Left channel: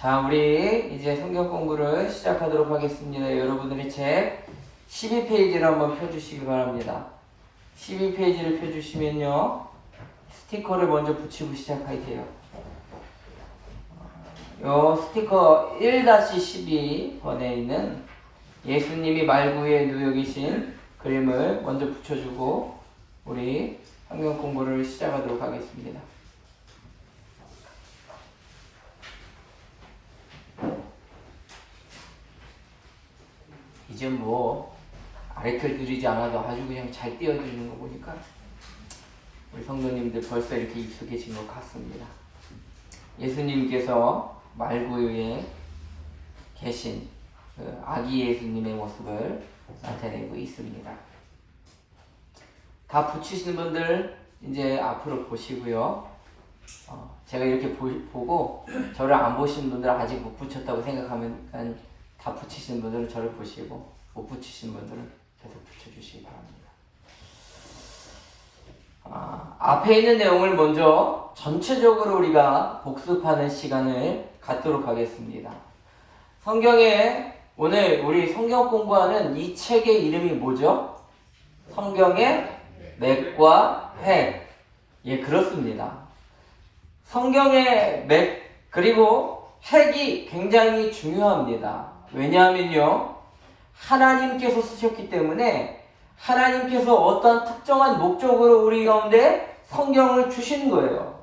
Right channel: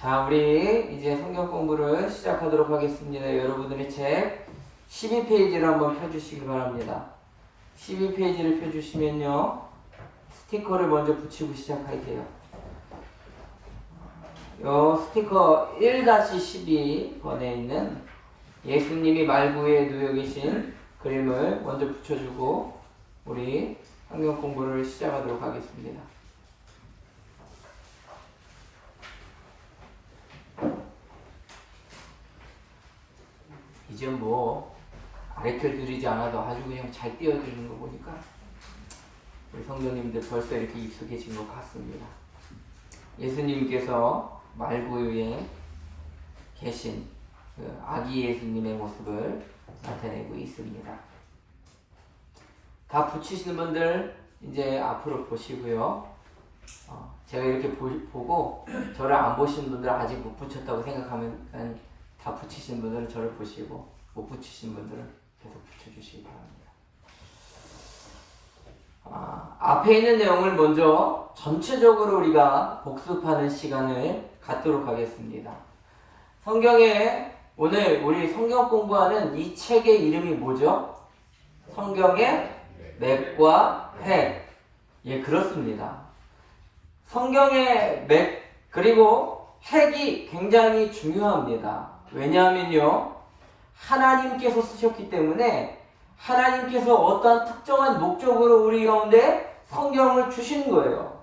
자, 우리 이제 성경 공부를 시작하도록 하겠습니다. 여러분들의 책 12페이지를 한번 펴주시기 바랍니다. 12페이지를 펴주시면요, 스티커를 먼저 붙이고 시작할게요. 요 스티커 1-12번에 있는 예수님이 말구에 누워 계신 그림을 먼저 붙여주고 우리 성경 공부를 시작하도록 하겠습니다. 이제 뭐 아래틀 드리지 않아도 아주 그냥 잘 띄워드리는 거 보니까 우리 성도님들 벌써 이렇게 익숙해진 것 같습니다. 예수님께서 말구유에 계신 그 아기 예수님의 모습을 나타내고 있습니다. 다 붙이신 분들 이제 앞으로 보시고요. 제가 이렇게 보고 저를 안 보신 분들 아직 못 붙였다고 생각하면 다 붙이신 분들은 저를 보시고 못 붙이신 분들은 계속 붙여주시기 바랍니다. 앞에 있는 내용을 먼저 전체적으로 우리가 복습하는 시간을 갖도록 하겠습니다. 성경에 오늘 우리 성경 공부하는 이 책의 이름이 뭐죠? 성경의 맥과 핵. 예, 그렇습니다. 성경의 맥 그리고 핵이 굉장히 중요합니다. 왜냐하면요, 하나님께서 쓰셨기 때문에 하나님께서 어떤 특정한 목적으로 우리 가운데 성경을 주신 거예요.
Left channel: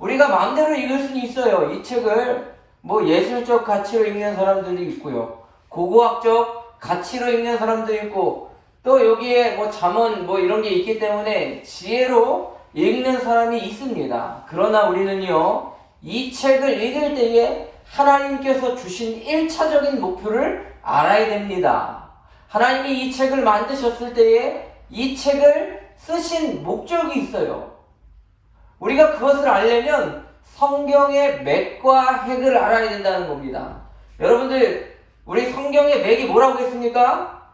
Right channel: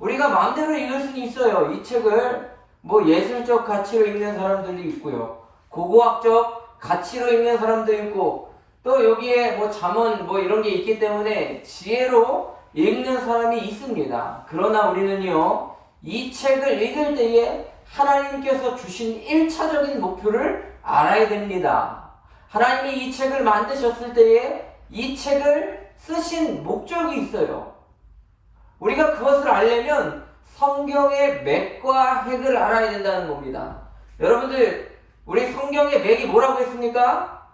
우리가 마음대로 읽을 수는 있어요. 이 책을 뭐 예술적 가치로 읽는 사람들도 있고요, 고고학적 가치로 읽는 사람도 있고, 또 여기에 뭐 잠언 뭐 이런 게 있기 때문에 지혜로 읽는 사람이 있습니다. 그러나 우리는요, 이 책을 읽을 때에 하나님께서 주신 1차적인 목표를 알아야 됩니다. 하나님이 이 책을 만드셨을 때에 이 책을 쓰신 목적이 있어요. 우리가 그것을 알려면 성경의 맥과 핵을 알아야 된다는 겁니다. 여러분들, 우리 성경의 맥이 뭐라고 했습니까?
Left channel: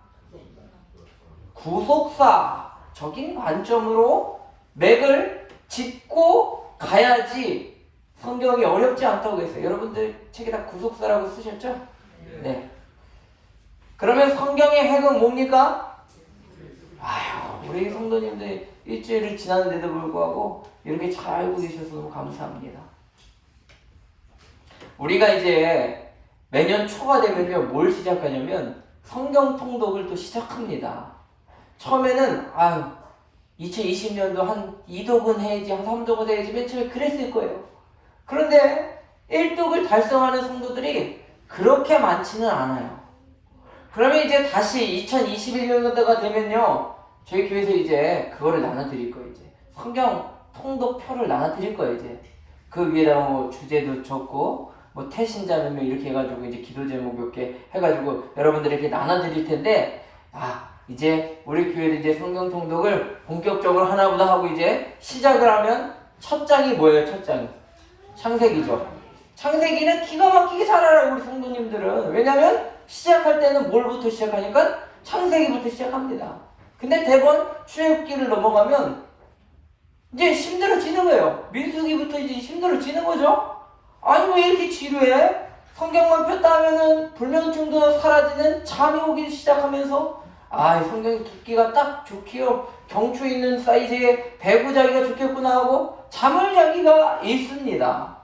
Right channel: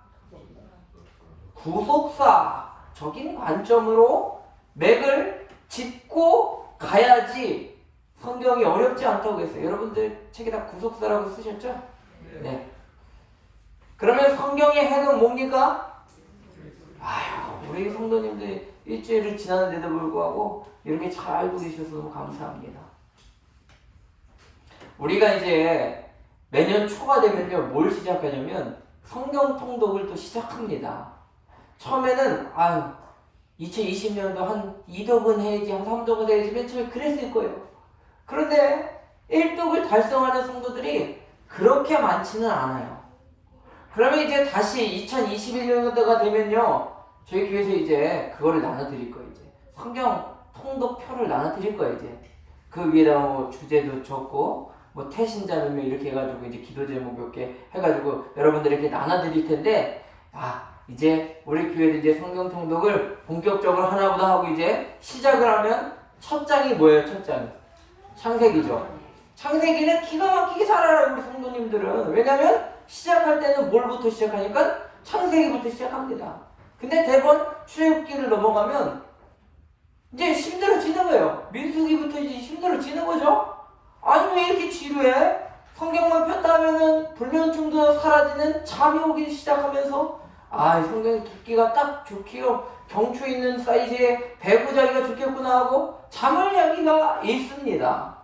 구속사적인 관점으로 맥을 짚고 가야지 성경이 어렵지 않다고 했어요. 여러분들 책에다 구속사라고 쓰셨죠? 네. 그러면 성경의 핵은 뭡니까? 아유, 우리 성도님들 일주일을 지났는데도 불구하고 이렇게 잘 알고 계셔서 너무 감사합니다. 우리가 이제 매년 초가 되면요, 뭘 시작하냐면 성경 통독을 또 시작합니다. 처음에는 2020년도 한 2독은 해야지, 한 3독은 해야지, 맨 처음에 그랬을 거예요. 그런데 1독을 달성하는 성도들이 그렇게 많지는 않아요. 그러면 이제 다시 2021년도가 되면요, 저희 교회에서 이제 그거를 나눠드릴 거예요. 이제 성경 통독표를 나눠드릴 거예요. 이제 그 위에다가 뭐 주제도 적고 뭐 태신자 몇 명 이렇게 해가지고 이제 기도 제목 몇 개 해가지고 여러분들이 이렇게 나눠드릴 텐데, 이제 우리 교회도 이제 성경 통독을 본격적으로 하나보다 하고 이제 시작을 하면 첫 장이 뭐예요? 첫 장이 창세기죠. 창세기는 기가 막히게 잘 알아요, 우리 성도님들은. 왜냐면 시작할 때는 뭘부터 시작하니까 창세기부터 시작합니다. 근데 대번 출애굽기를 넘어가면 이제 힘들어지는 거예요. 민수기부터 이제 힘들어지는 거죠. 아니, 왜 이렇게 지루해? 성경만 폈다 하면은 불면증도 사라지는 잠이 오기 시작하면서 성경이 두께가 딱 좋기요, 경추 있는 사이즈의 배구자기가 좋겠구나 하고 잠을 자기가 있습니다.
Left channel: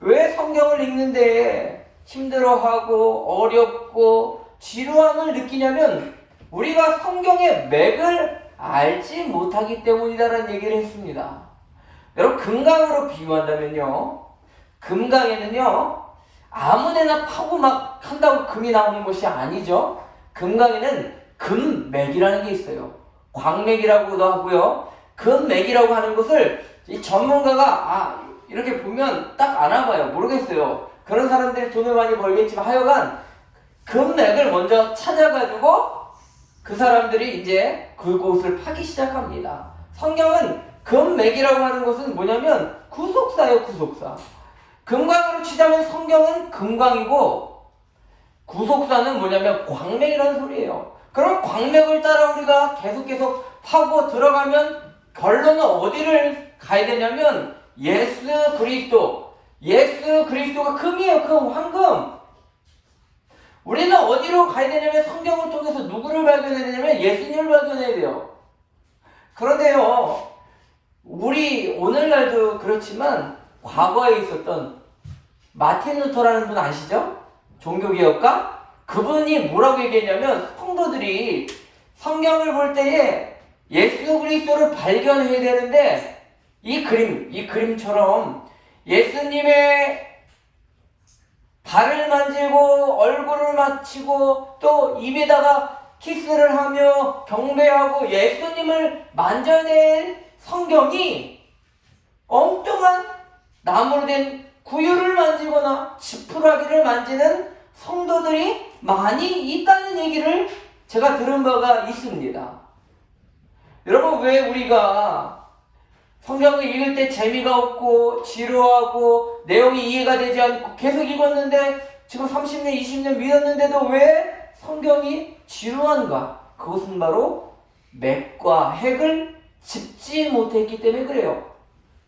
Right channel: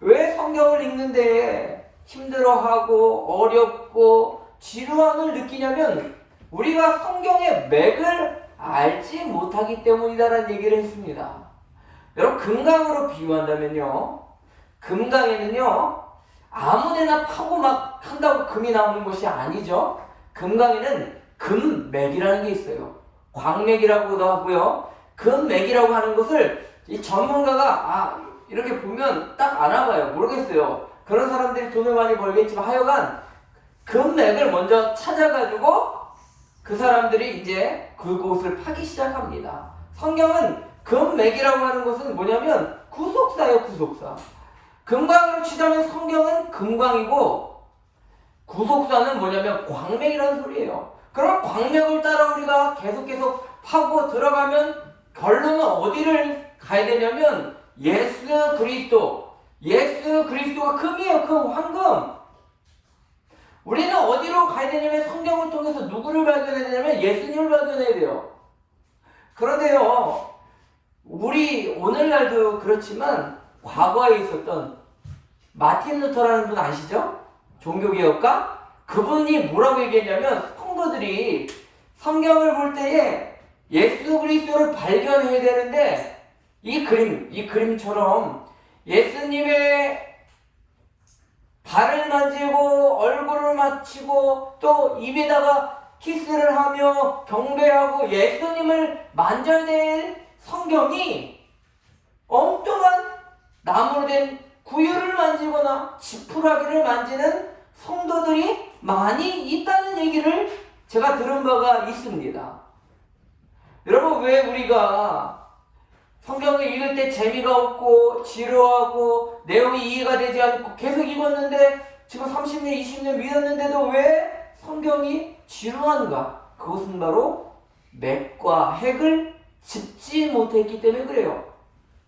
왜 성경을 읽는데 힘들어하고 어렵고 지루함을 느끼냐면 우리가 성경의 맥을 알지 못하기 때문이다라는 얘기를 했습니다. 여러분, 금강으로 비유한다면요, 금강에는요 아무데나 파고 막 한다고 금이 나오는 것이 아니죠. 금강에는 금맥이라는 게 있어요. 광맥이라고도 하고요, 금맥이라고 하는 것을 이 전문가가 이렇게 보면 딱 알아봐요. 모르겠어요. 그런 사람들이 돈을 많이 벌겠지만 하여간 금맥을 먼저 찾아가지고 그 사람들이 이제 그곳을 파기 시작합니다. 성경은 금맥이라고 하는 것은 뭐냐면 구속사예요. 구속사. 금강으로 치자면 성경은 금강이고, 구속사는 뭐냐면 광맥이라는 소리예요. 그럼 광맥을 따라 우리가 계속 파고 들어가면 결론은 어디를 가야 되냐면 예수 그리스도, 예수 그리스도가 금이에요. 금, 황금. 우리는 어디로 가야 되냐면 성경을 통해서 누구를 발견해야 되냐면 예수님을 발견해야 돼요. 그런데요, 우리 오늘날도 그렇지만 과거에 있었던 마틴 루터라는 분 아시죠? 종교개혁가? 그분이 뭐라고 얘기했냐면 성도들이 성경을 볼 때에 예수 그리스도를 발견해야 되는데 이 그림처럼 예수님의 발을 만지고 얼굴을 맞추고 또 입에다가 키스를 하며 경배하고 예수님을 만져야 될 성경이 엉뚱한 나무로 된 구유를 만지거나 지푸라기를 만지는 성도들이 많이 있다는 얘기를 제가 들은 바가 있습니다. 여러분, 왜 우리가 성경을 읽을 때 재미가 없고 지루하고 내용이 이해가 되지 않고 계속 읽었는데 지금 30년, 20년 믿었는데도 왜 성경이 지루한가? 그것은 바로 맥과 핵을 짚지 못했기 때문에 그래요.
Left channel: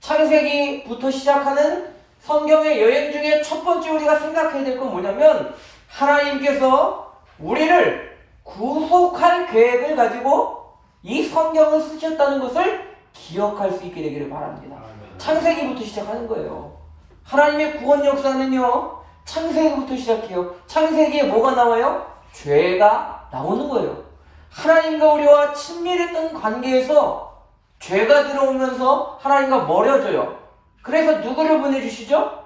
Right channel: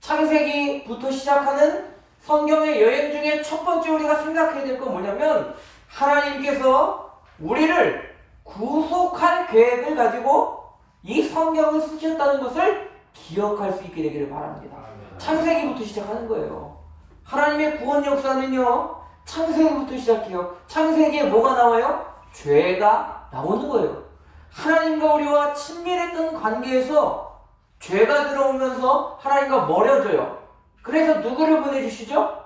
창세기부터 시작하는 성경의 여행 중에 첫 번째 우리가 생각해야 될 건 뭐냐면 하나님께서 우리를 구속할 계획을 가지고 이 성경을 쓰셨다는 것을 기억할 수 있게 되기를 바랍니다. 창세기부터 시작하는 거예요. 하나님의 구원 역사는요, 창세기부터 시작해요. 창세기에 뭐가 나와요? 죄가 나오는 거예요. 하나님과 우리와 친밀했던 관계에서 죄가 들어오면서 하나님과 멀어져요. 그래서 누구를 보내주시죠?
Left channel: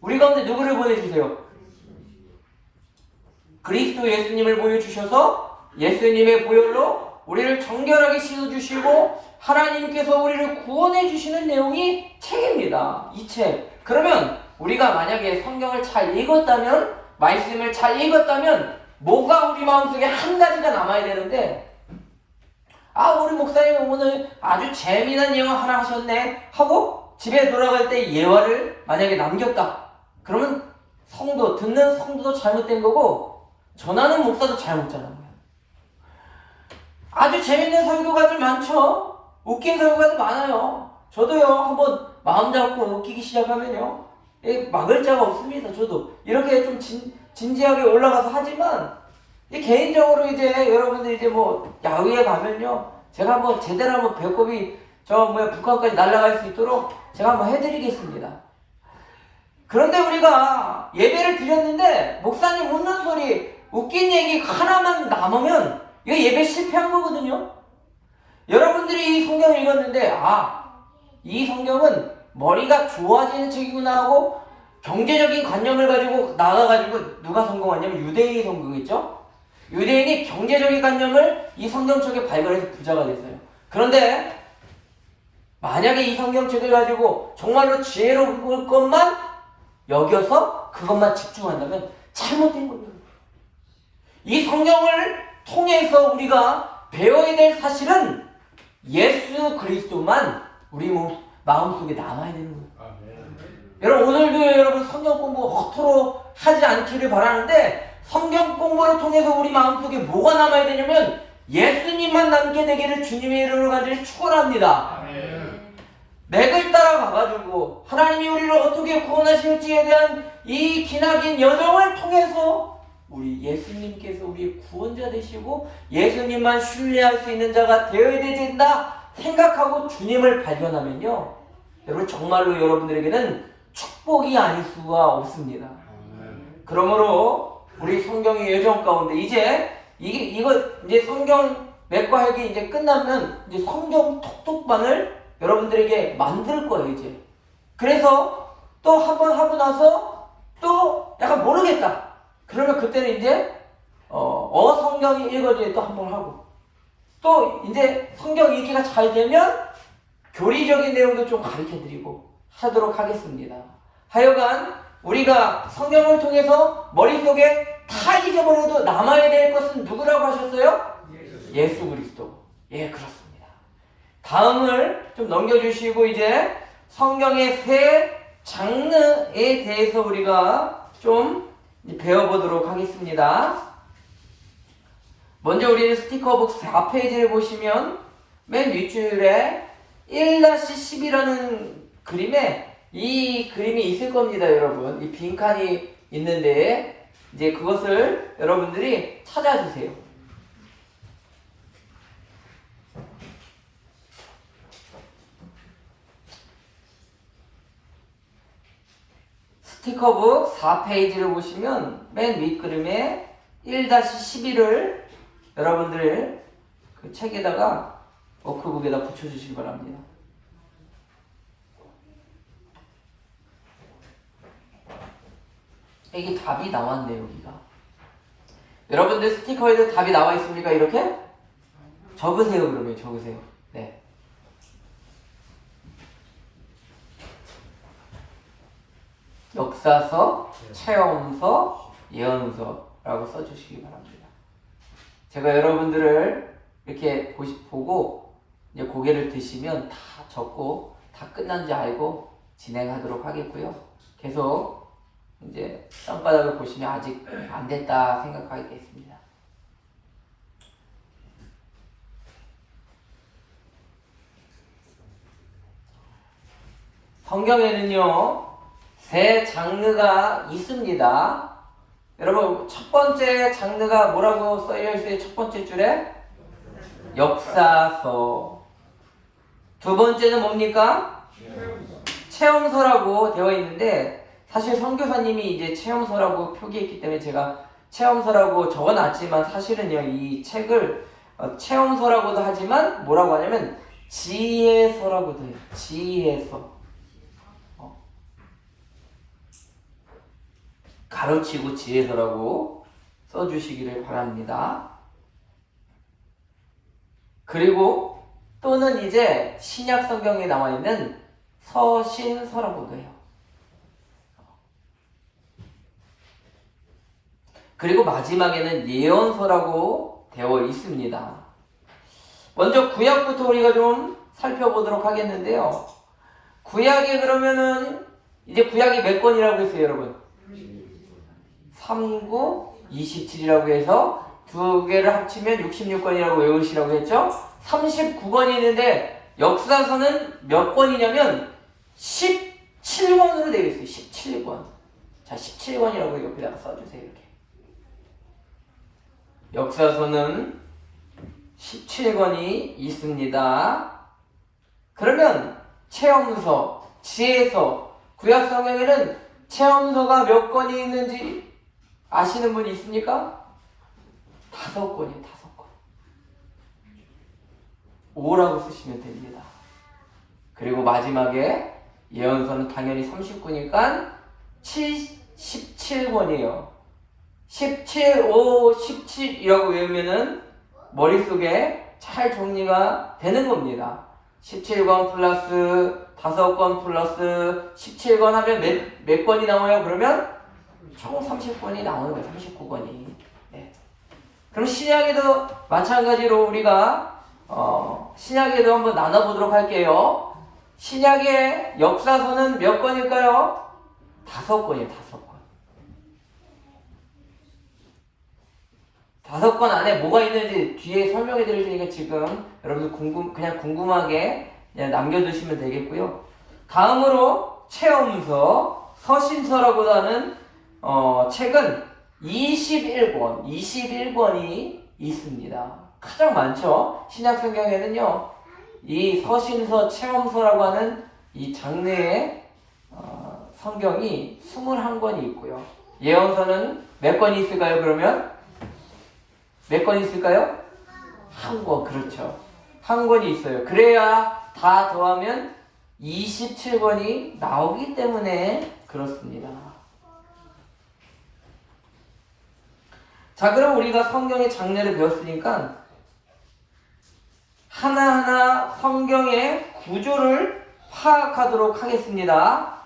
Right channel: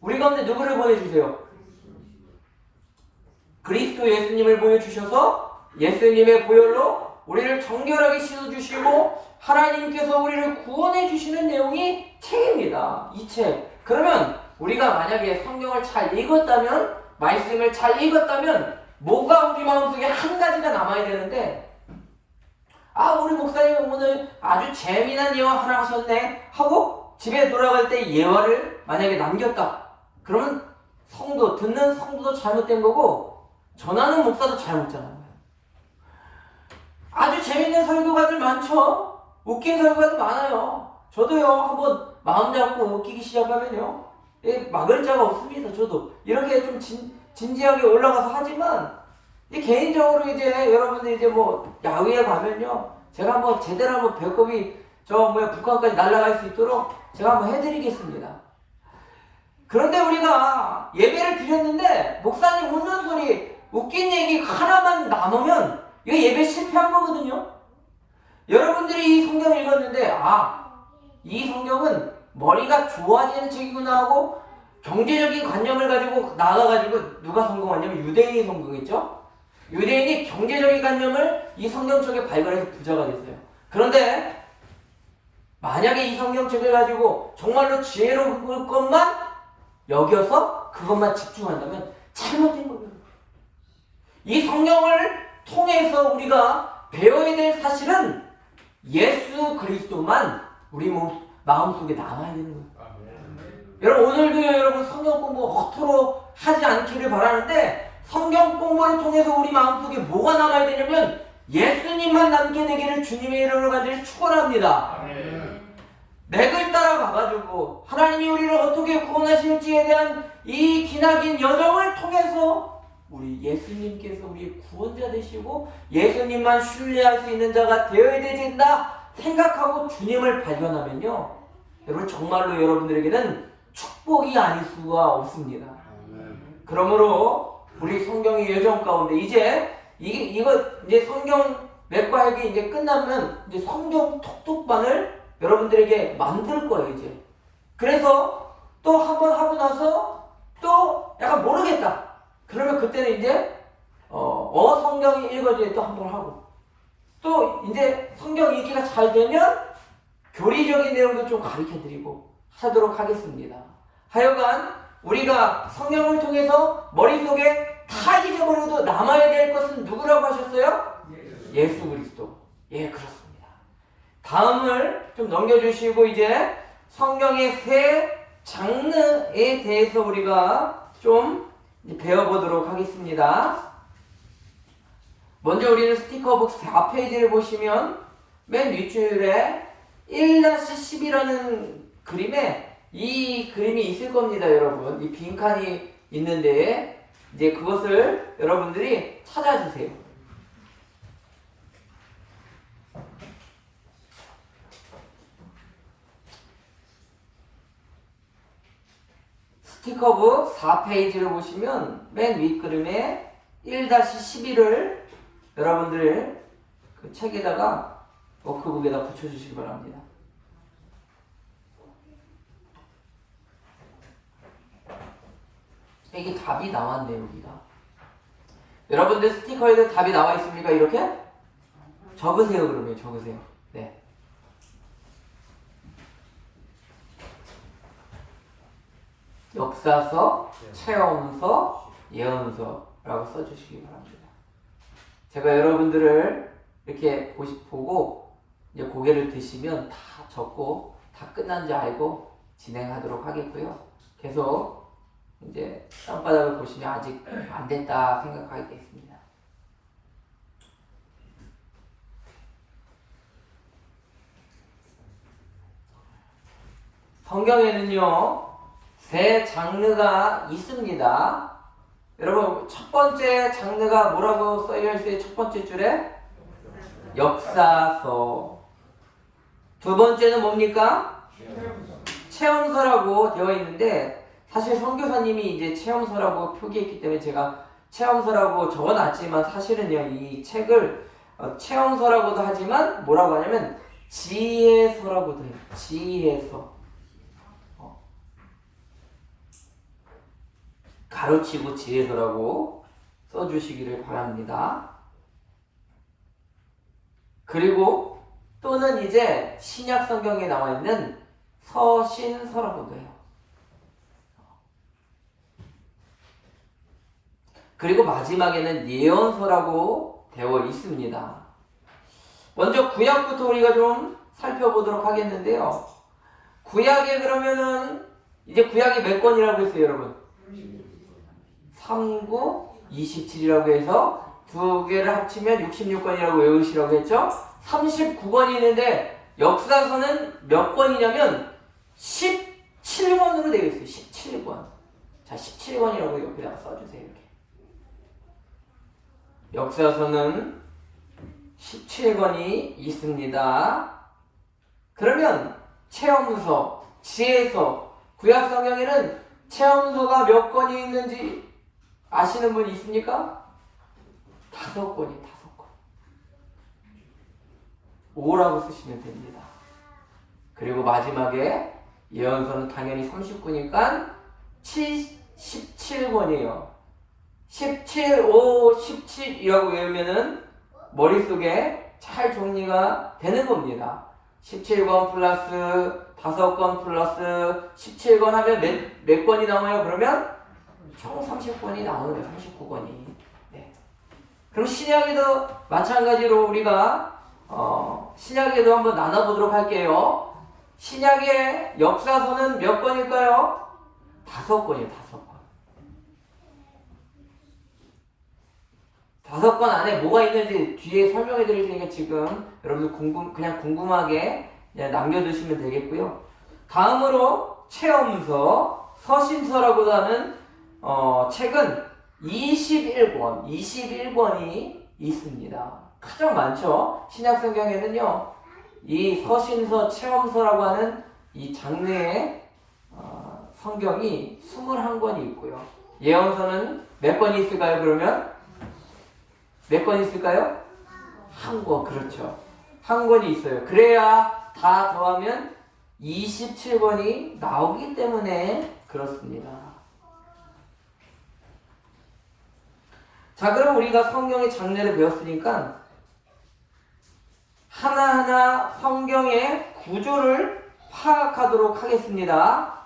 우리 가운데 누구를 보내주세요? 그리스도 예수님을 보여주셔서 예수님의 보혈로 우리를 정결하게 씻어주시고 하나님께서 우리를 구원해 주시는 내용이 책입니다. 이 책. 그러면 우리가 만약에 성경을 잘 읽었다면, 말씀을 잘 읽었다면 뭐가 우리 마음속에 한 가지가 남아야 되는데, 우리 목사님 오늘 아주 재미난 예화 하나 하셨네 하고 집에 돌아갈 때 예화를 만약에 남겼다. 그러면 듣는 성도도 잘못된 거고 전하는 목사도 잘못잖아요. 아주 재밌는 설교가들 많죠. 웃긴 설교가들 많아요. 저도요, 한번 마음 잡고 웃기기 시작하면요, 막을 자가 없습니다. 저도 이렇게 좀 진지하게 올라가서 하지만 개인적으로 이제 여러분들 이제 뭐 야외에 가면요, 제가 한번 제대로 한번 배꼽이 북한까지 날아갈 수 있도록 제가 한번 해드리겠습니다. 그런데 우리가 예배를 드렸는데 목사님 웃는 소리, 웃긴 얘기 하나만 남으면 이거 예배 실패한 거거든요. 여러분들이 이 성경을 읽었는데 이 성경은 머리가 좋아지는 책이구나 하고 경제적인 관념을 가지고 나가가지고 누가 성공하냐면 유대인이 성공했죠. 유대인이 경제적인 관념을 이 성경책에 발견해서 부자가 됐어요. 그런데 만약에 이 성경책을 가지고 정말로 지혜로운 것만 여겨서 그것만 집중한다면 잘못된 겁니다. 이 성경을 통해서 우리가 배워야 될 사실은 예수 그리스도만 우리 마음속에 남아야 되는 거예요. 여러분, 오늘도 여러분 성경 공부 허투루 하지 않기를 바라는데, 성경 공부를 통해서 우리 마음속에 뭐가 남아야 되냐면 예수님만 남게 되기를 주님의 이름으로 간절히 축원합니다. 맥을 따라가가지고 하나님이 우리를 어떻게 구원하실지에 대한 이 기나긴 여정을 통해서 우리 예수님께서 우리의 구원자 되시고 예수님만 신뢰할 수 있는 자가 되어야 된다 생각하고 주님을 발견하면요, 여러분 정말로 여러분들에게는 축복이 아닐 수가 없습니다. 그러므로 우리 성경의 여정 가운데 이제 이제 성경 맥과 핵이 이제 끝나면 이제 성경 톡톡반을 여러분들에게 만들 거예요, 이제. 그래서 또 한 번 하고 나서 또 약간 모르겠다. 그러면 그때는 이제 성경이 읽어져야 또 한 번 하고, 또 이제 성경 읽기가 잘 되면 교리적인 내용도 좀 가르쳐드리고 하도록 하겠습니다. 하여간 우리가 성경을 통해서 머릿속에 다 잊어버려도 남아야 될 것은 누구라고 하셨어요? 예수 그리스도. 예, 그렇습니다. 다음을 좀 넘겨주시고 이제 성경의 세 장르에 대해서 우리가 좀 배워보도록 하겠습니다. 먼저 우리는 스티커북 4페이지를 보시면 맨 윗줄에 1-10이라는 그림에 이 그림이 있을 겁니다, 여러분. 이 빈칸이 있는데 이제 그것을 여러분들이 찾아주세요. 스티커북 4페이지를 보시면 맨 윗그림에 1-11을 여러분들 그 책에다가 워크북에다 붙여주시기 바랍니다. 이게 답이 나왔네, 여기가. 여러분들 스티커에도 답이 나와 있습니까? 이렇게? 적으세요, 그러면 적으세요. 네. 역사서, 체험서, 예언서라고 써주시기 바랍니다. 제가 여러분들을 이렇게 보고 이제 고개를 드시면 다 적고 다 끝난지 알고 진행하도록 하겠고요. 계속 이제 땅바닥을 보시면 아직 안 됐다 생각하겠습니다. 성경에는요, 세 장르가 있습니다. 여러분, 첫 번째 장르가 뭐라고 써져 있어요? 첫 번째 줄에 역사서. 두 번째는 뭡니까? 체험서라고 되어 있는데, 사실 선교사님이 이제 체험서라고 표기했기 때문에 제가 체험서라고 적어놨지만, 사실은요, 이 책을 체험서라고도 하지만 뭐라고 하냐면 지혜서라고도 해요. 지혜서. 가로치고 지혜서라고 써주시기를 바랍니다. 그리고 또는 이제 신약 성경에 나와 있는 서신서라고도 해요. 그리고 마지막에는 예언서라고 되어 있습니다. 먼저 구약부터 우리가 좀 살펴보도록 하겠는데요. 구약에 그러면은 이제 구약이 몇 권이라고 했어요, 여러분? 3, 9, 27이라고 해서 두 개를 합치면 66권이라고 외우시라고 했죠? 39권이 있는데 역사서는 몇 권이냐면 17권으로 되어 있어요. 17권. 자, 17권이라고 옆에다가 써주세요. 이렇게. 역사서는 17권이 있습니다. 그러면 체험서, 지혜서, 구약 성경에는 체험서가 몇 권이 있는지 아시는 분 있습니까? 5권이에요. 5권. 5라고 쓰시면 됩니다. 그리고 마지막에 예언서는 당연히 30권이니까 17권이에요. 17, 5, 17이라고 외우면은 머릿속에 잘 정리가 되는 겁니다. 17권 플러스 5권 플러스 17권 하면 몇 권이 나와요? 그러면 총 30권이 나오는 거예요. 39권이. 네. 그럼 신약에도 마찬가지로 우리가 신약에도 한번 나눠보도록 할게요. 신약의 역사서는 몇 권일까요? 5권이에요. 5권 안에 뭐가 있는지 뒤에 설명해 드릴 테니까 지금 여러분들 그냥 궁금하게 그냥 남겨두시면 되겠고요. 다음으로 체험서, 서신서라고 하는 책은 21권이 있습니다. 가장 많죠. 신약성경에는요, 이 서신서, 체험서라고 하는 이 장르의 성경이 21권이 있고요. 예언서는 몇 권이 있을까요? 그러면 몇 권 있을까요? 한 권, 그렇죠. 한 권이 있어요. 그래야 다 더하면 27권이 나오기 때문에 그렇습니다. 자, 그럼 우리가 성경의 장르를 배웠으니까 하나하나 성경의 구조를 파악하도록 하겠습니다.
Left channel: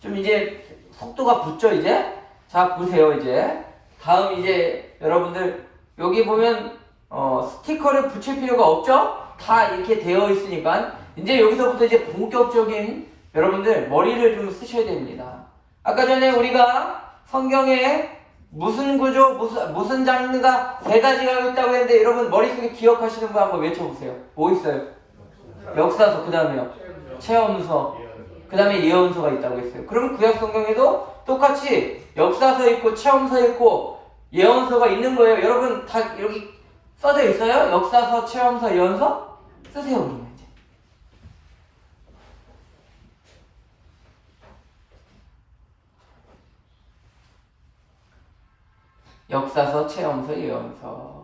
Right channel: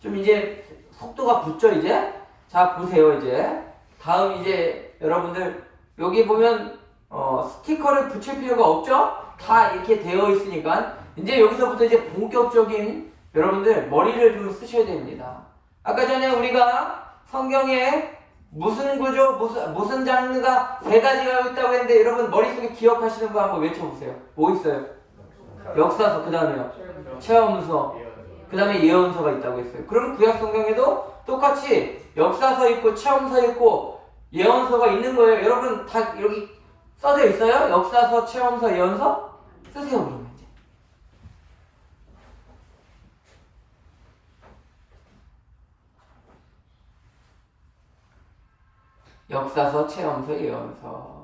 좀 이제 속도가 붙죠, 이제? 자, 보세요, 이제. 다음 이제 여러분들 여기 보면 스티커를 붙일 필요가 없죠? 다 이렇게 되어 있으니까 이제 여기서부터 이제 본격적인 여러분들 머리를 좀 쓰셔야 됩니다. 아까 전에 우리가 성경에 무슨 구조, 무슨 장르가 3가지가 있다고 했는데 여러분 머릿속에 기억하시는 거 한번 외쳐보세요. 뭐 있어요? 역사서, 그 다음에요. 체험서, 그 다음에 예언서가 있다고 했어요. 그럼 구약 성경에도 똑같이 역사서 있고 체험서 있고 예언서가 있는 거예요. 여러분 다 여기 써져 있어요? 역사서, 체험서, 예언서? 쓰세요 그러면 이제. 역사서, 체험서, 예언서.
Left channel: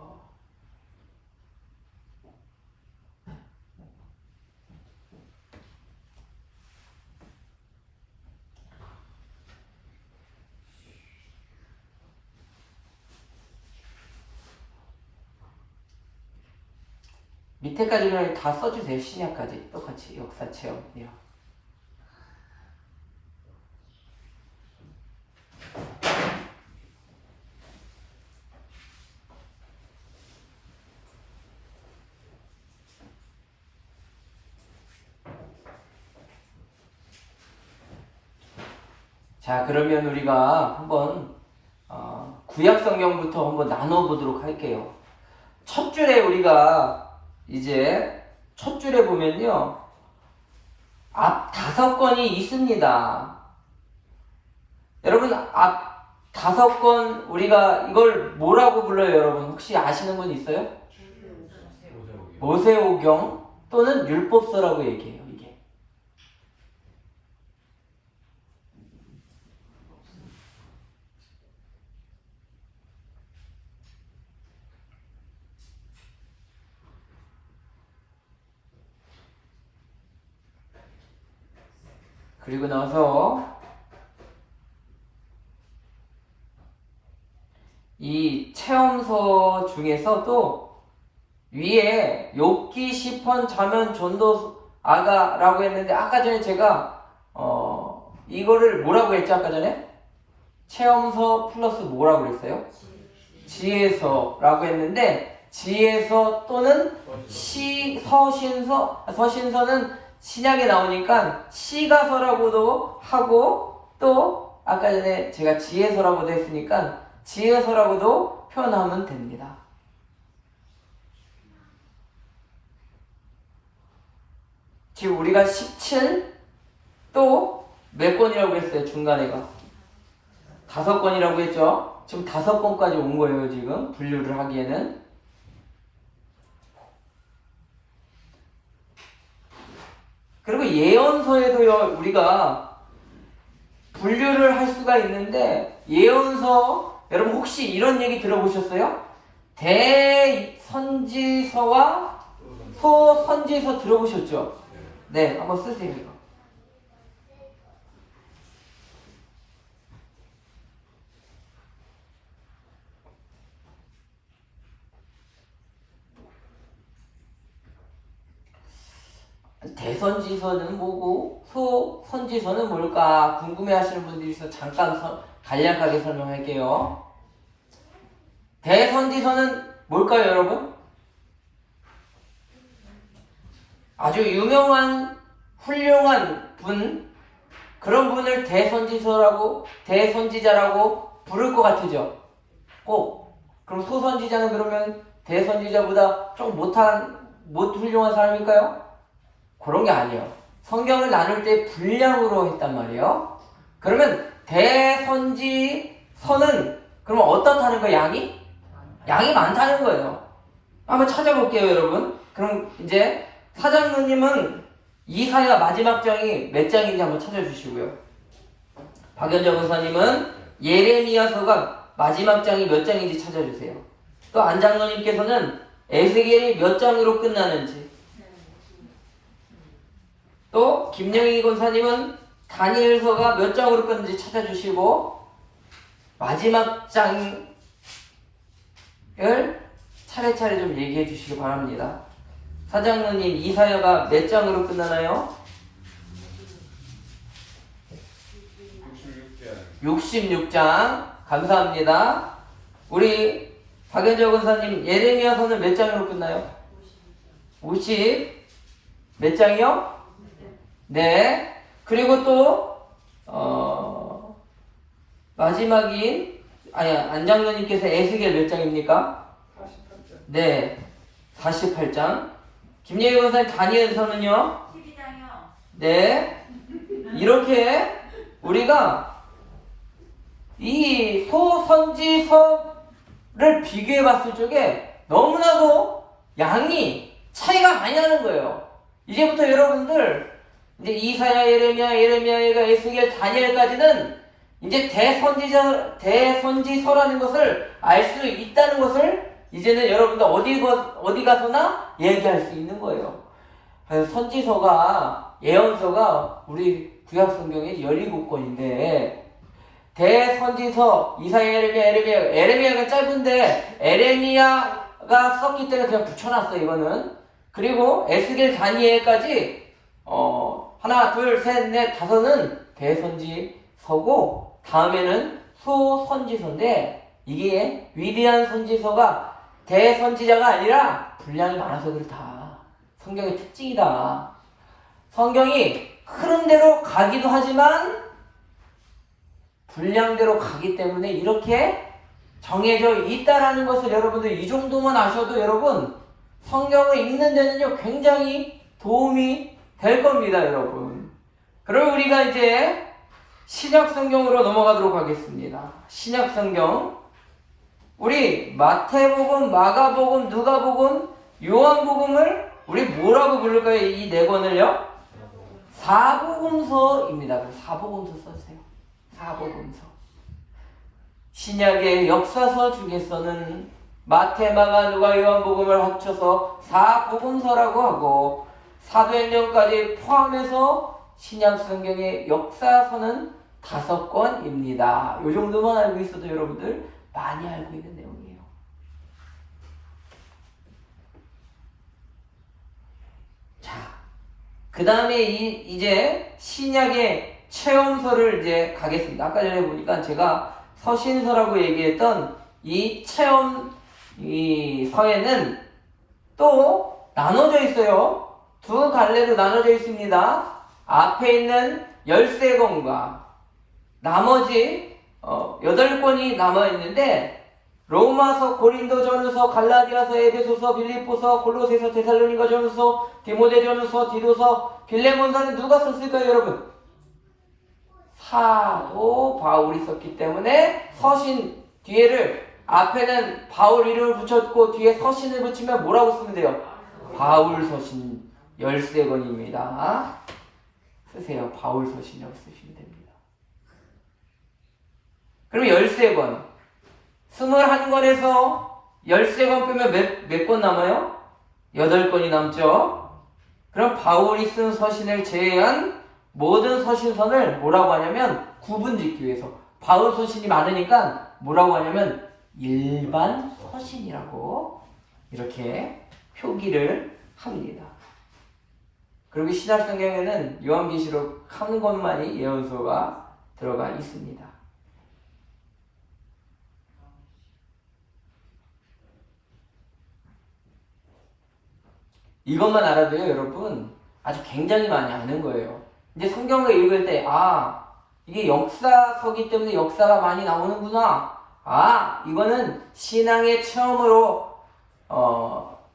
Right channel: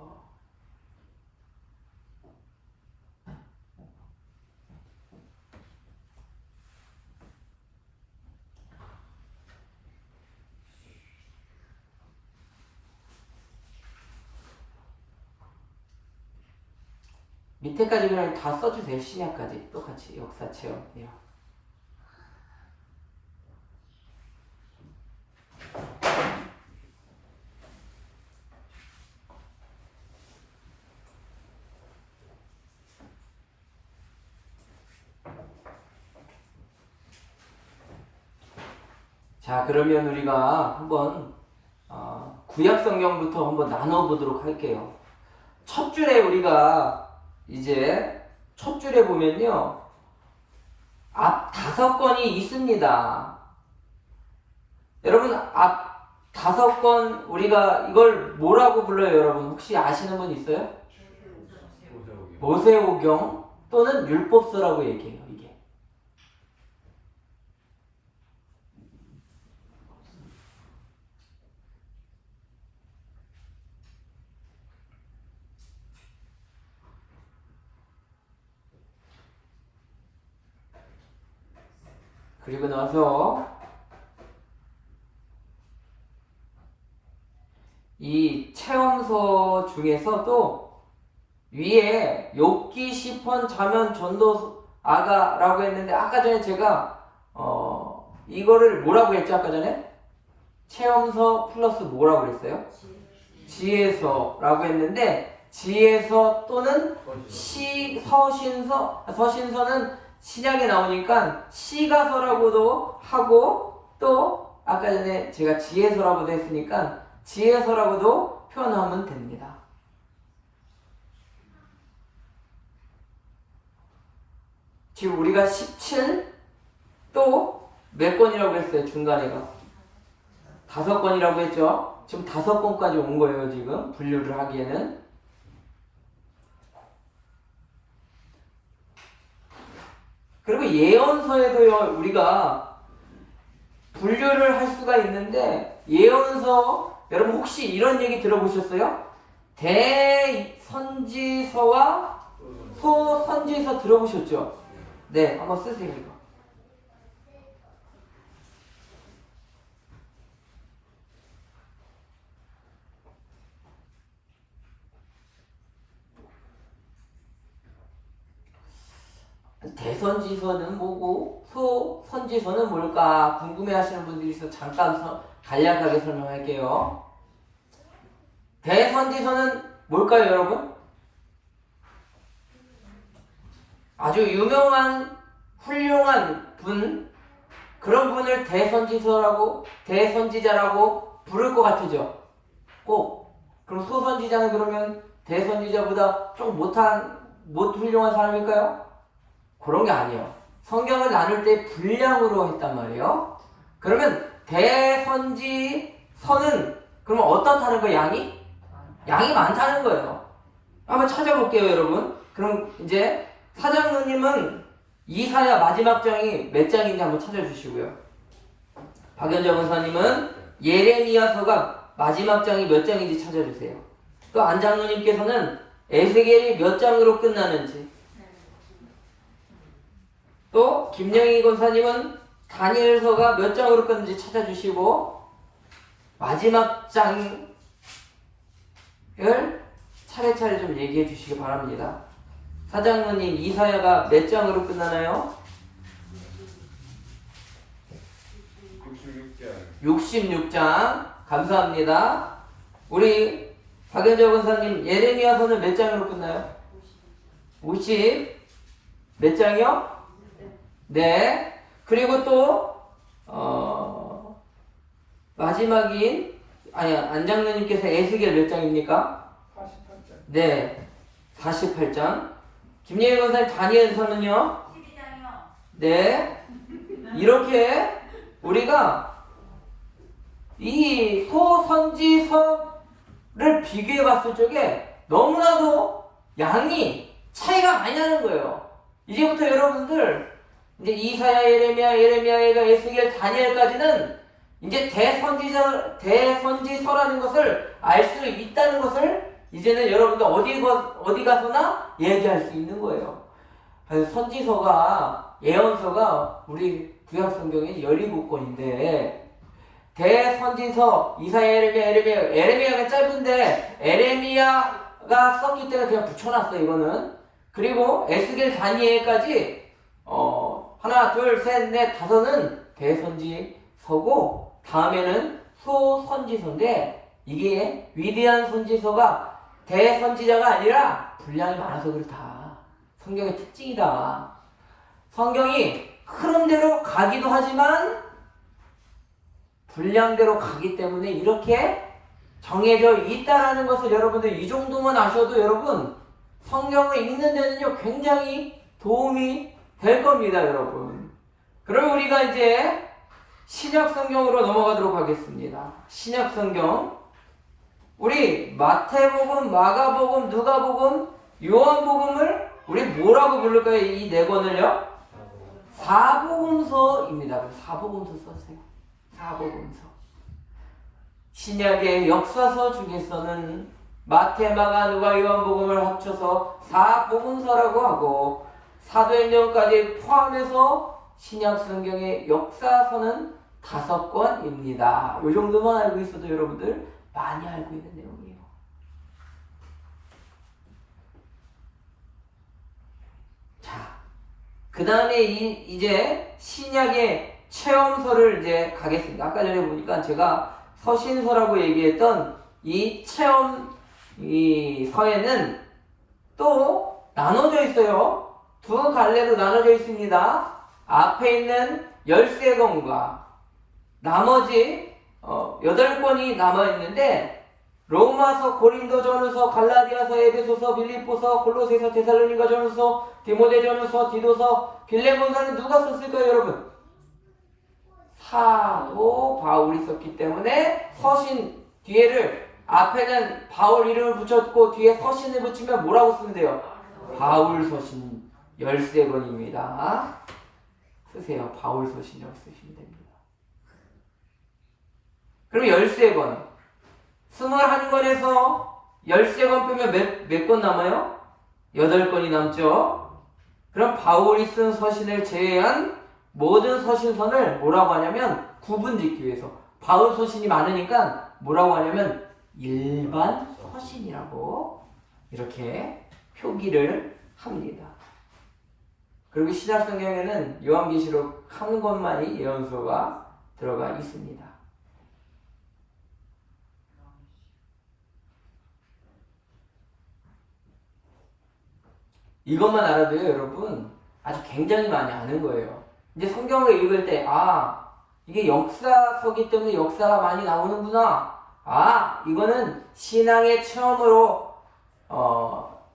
밑에까지는 다 써주세요. 신약까지 똑같이 역사, 체험, 예언. 자, 그러면 우리가 한번 구약 성경부터 한번 나눠보도록 할게요. 첫 줄에 우리가 이제 첫 줄에 보면요, 앞 5권이 있습니다. 여러분 앞 5권 우리가 이걸 뭐라고 불러요? 여러분 혹시 아시는 분 있어요? 모세오경 또는 율법서라고 얘기해요. 이게 그리고 나서 이 체험서 중에서도 위에 욥기, 시편, 잠언, 전도, 아가라고 했는데 아까 전에 제가 이거를 뭐라고 했죠? 아까 전에 체험서 플러스 뭐라고 그랬어요? 지혜서라고 했는데 지혜서 또는 서신서는 신약에 나오니까 시가서라고도 하고 또 아까 전에 제가 지혜서라고도 했으니까 지혜서라고도 표현하면 됩니다. 지금 우리가 17 또 몇 권이라고 했어요? 중간에가 5권이라고 했죠? 지금 5권까지 온 거예요. 지금 분류를 하기에는. 그리고 예언서에도요 우리가 분류를 할 수가 있는데 예언서 여러분 혹시 이런 얘기 들어보셨어요? 대선지서와 소선지서 들어보셨죠? 네, 한번 쓰세요. 이거. 대선지서는 뭐고 소선지서는 뭘까 궁금해하시는 분들이 있어서 잠깐 간략하게 설명할게요. 대선지서는 뭘까요, 여러분? 아주 유명한 훌륭한 분, 그런 분을 대선지자라고 부를 것 같으죠? 꼭. 그럼 소선지자는 그러면 대선지자보다 좀 못 훌륭한 사람일까요? 그런 게 아니에요. 성경을 나눌 때 분량으로 했단 말이에요. 그러면 대선지서는 그러면 어떻다는 거예요? 양이 많다는 거예요. 한번 찾아볼게요, 여러분. 그럼 이제 사장님은 이사야 마지막 장이 몇 장인지 한번 찾아주시고요. 박연정 원사님은 예레미야서가 마지막 장이 몇 장인지 찾아주세요. 또 안장로님께서는 에스겔이 몇 장으로 끝나는지, 또 김영희 권사님은 다니엘서가 몇 장으로 끝는지 찾아주시고 마지막 장을 차례차례 좀 얘기해 주시기 바랍니다. 사장로님 이사야가 몇 장으로 끝나나요? 66장. 감사합니다. 우리 박연정 권사님 예레미야서는 몇 장으로 끝나요? 50 몇 장이요? 네. 그리고 또 마지막인 안장로님께서 에스겔 몇 장입니까? 48장. 네. 48장. 김예희 권사님 다니엘서는요? 12장이요. 네. 이렇게 우리가 이 소선지서를 비교해 봤을 적에 너무나도 양이 차이가 많이 나는 거예요. 이제부터 여러분들 이제 이사야, 예레미야, 에스겔, 다니엘까지는 이제 대선지서라는 것을 알 수 있다는 것을 이제는 여러분들 어디 가서나 얘기할 수 있는 거예요. 그래서 선지서가, 예언서가 우리 구약 성경에 17권인데 대선지서 이사야, 에레미야가 짧은데 에레미야가 썼기 때문에 그냥 붙여놨어요. 이거는. 그리고 에스겔, 다니엘까지 하나, 둘, 셋, 넷, 다섯은 대선지서고 다음에는 소선지서인데 이게 위대한 선지서가 대선지자가 아니라 분량이 많아서 그렇다. 성경의 특징이다. 성경이 흐름대로 가기도 하지만 분량대로 가기 때문에 이렇게 정해져 있다라는 것을 여러분들 이 정도만 아셔도 여러분 성경을 읽는 데는요 굉장히 도움이 될 겁니다, 여러분. 그럼 우리가 이제 신약 성경으로 넘어가도록 하겠습니다. 신약 성경. 우리 마태복음, 마가복음, 누가복음, 요한복음을 우리 뭐라고 부를까요? 이 네 권을요? 사복음서입니다. 그럼 사복음서 써주세요. 사복음서. 신약의 역사서 중에서는 마태, 마가, 누가, 요한복음을 합쳐서 사복음서라고 하고 사도행전까지 포함해서 신약 성경의 역사서는 5권입니다. 이 정도만 알고 있어도 여러분들 많이 알고 있는 내용이에요. 자, 그 다음에 이제 신약의 체험서를 이제 가겠습니다. 아까 전에 보니까 제가 서신서라고 얘기했던 이 체험 이 서에는 또 나눠져 있어요. 두 갈래로 나눠져 있습니다. 앞에 있는 13권과 나머지 8권이 남아있는데 로마서, 고린도전서, 갈라디아서, 에베소서, 빌립보서, 골로새서, 데살로니가전서, 디모데전서, 디도서, 빌레몬서는 누가 썼을까요, 여러분? 사도 바울이 썼기 때문에 서신 뒤에를 앞에는 바울 이름을 붙였고 뒤에 서신을 붙이면 뭐라고 쓰면 돼요? 바울 서신 13권입니다. 쓰세요. 바울 서신이라고 쓰시면 됩니다. 그럼 13권. 21권에서 13권 빼면 몇 권 남아요? 8권이 남죠. 그럼 바울이 쓴 서신을 제외한 모든 서신서를 뭐라고 하냐면 구분 짓기 위해서 바울 서신이 많으니까 뭐라고 하냐면 일반 서신이라고 이렇게 표기를 합니다. 그리고 신약 성경에는 요한계시록 한 권만이 예언서가 들어가 있습니다. 이것만 알아도요, 여러분 아주 굉장히 많이 아는 거예요. 이제 성경을 읽을 때 이게 역사서기 때문에 역사가 많이 나오는구나. 이거는 신앙의 체험으로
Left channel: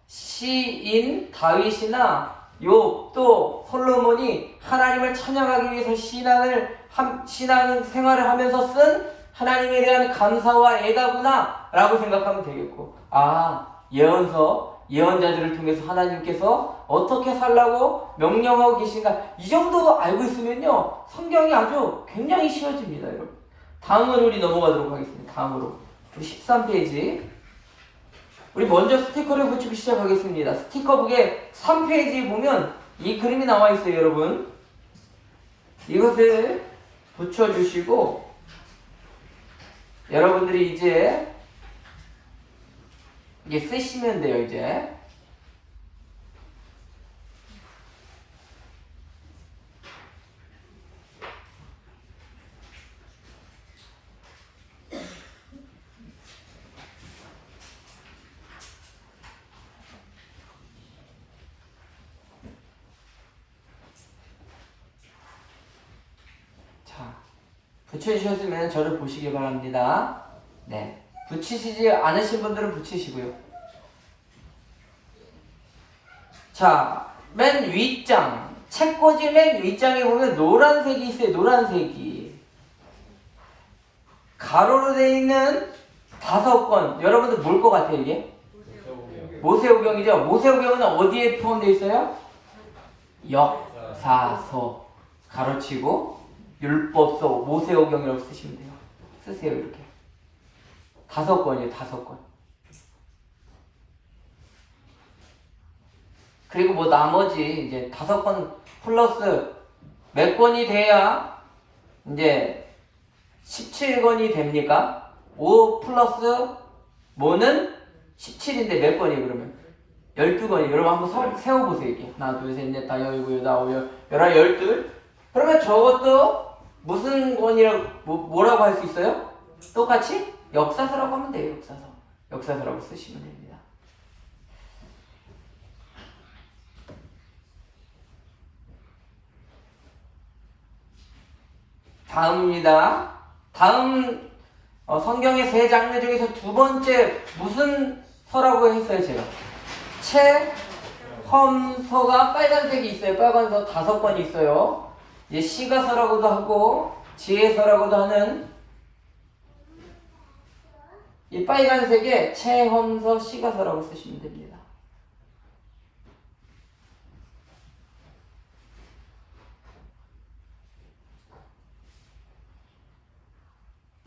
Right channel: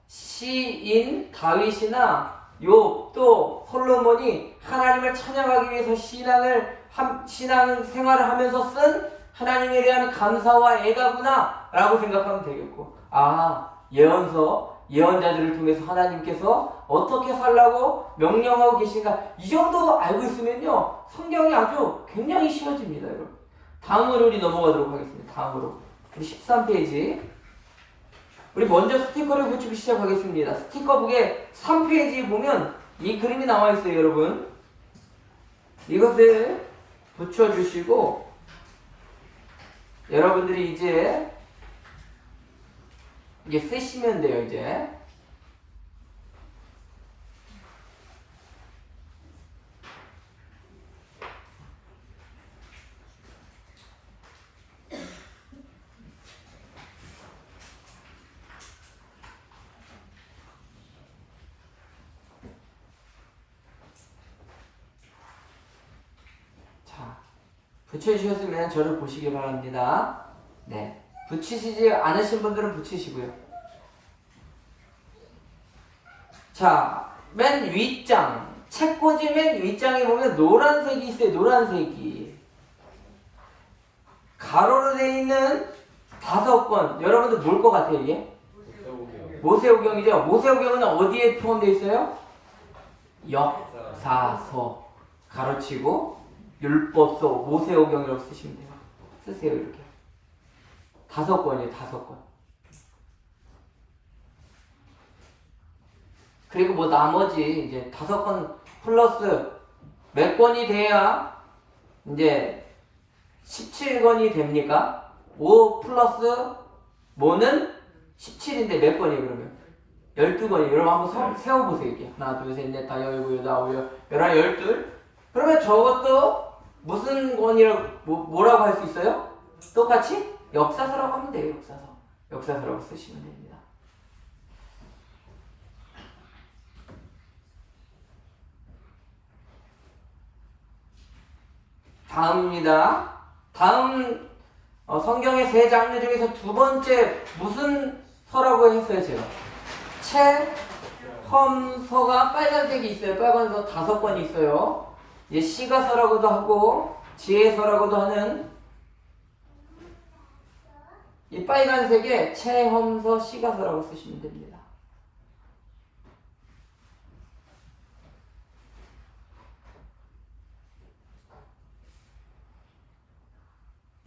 시인 다윗이나 욥 또 솔로몬이 하나님을 찬양하기 위해서 신앙 생활을 하면서 쓴 하나님에 대한 감사와 애가구나 라고 생각하면 되겠고 예언서 예언자들을 통해서 하나님께서 어떻게 살라고 명령하고 계신가 이 정도 알고 있으면요 성경이 아주 굉장히 쉬워집니다. 여러분 다음으로 우리 넘어가도록 하겠습니다. 다음으로 우리 13페이지 우리 먼저 스티커를 붙이고 시작하겠습니다. 스티커북에 3페이지 보면 이 그림이 나와 있어요. 여러분 이것을 붙여주시고 여러분들이 이제 쓰시면 돼요. 이제 붙여주셨으면 저를 보시기 바랍니다. 네, 붙이시지 않으신 분들은 붙이시고요. 자, 맨 윗장 책꽂이 맨 윗장에 보면 노란색이 있어요. 노란색이. 가로로 되어 있는 5권. 여러분들 뭘 것 같아요, 이게? 모세오경이죠. 모세오경은 어디에 포함되어 있어요? 역사서. 가로치고 율법서, 모세오경이라고 쓰시면 돼요. 쓰세요, 이렇게. 5권이에요, 5권. 그리고 뭐 나머지 이제 5권 플러스 몇 권이 돼야 이제 17권이 됩니까? 5 플러스 뭐는 17인데 몇 권이에요, 그러면? 12권이에요. 여러분 한번 세워보세요, 이게. 하나, 둘, 셋, 넷, 다, 열고, 여덟, 아홉, 열한, 열둘. 그러면 저것도 무슨 권이라고, 뭐라고 할 수 있어요? 똑같이 역사서라고 하면 돼요, 역사서. 역사서라고 쓰시면 됩니다. 다음입니다. 다음 성경의 3장르 중에서 2번째 무슨 서라고 했어요, 제가? 체험서가 빨간색이 있어요. 빨간서 5권이 있어요. 시가서라고도 하고 지혜서라고도 하는 이 빨간색에 체험서, 시가서라고 쓰시면 됩니다.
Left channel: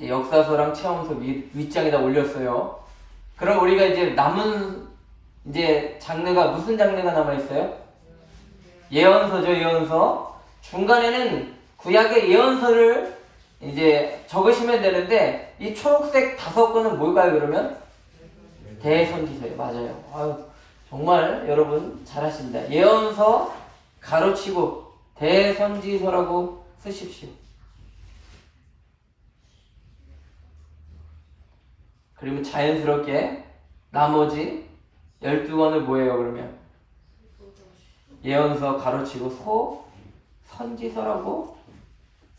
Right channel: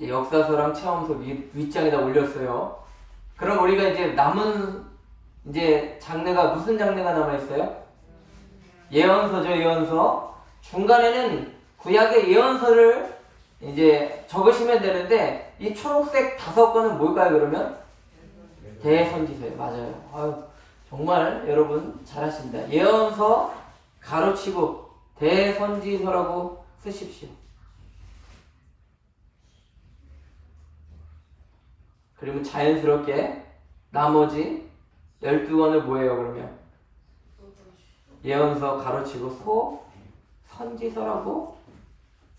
역사서랑 체험서 윗장에다 올렸어요. 그럼 우리가 이제 남은 이제 장르가 무슨 장르가 남아있어요? 예언서죠, 예언서. 중간에는 구약의 예언서를 이제 적으시면 되는데 이 초록색 5권은 뭘까요, 그러면? 대선지서예요. 맞아요. 아유, 정말 여러분 잘하십니다. 예언서 가로치고 대선지서라고 쓰십시오. 그리고 자연스럽게 나머지 12권을 뭐예요, 그러면? 예언서 가로치고 선지서라고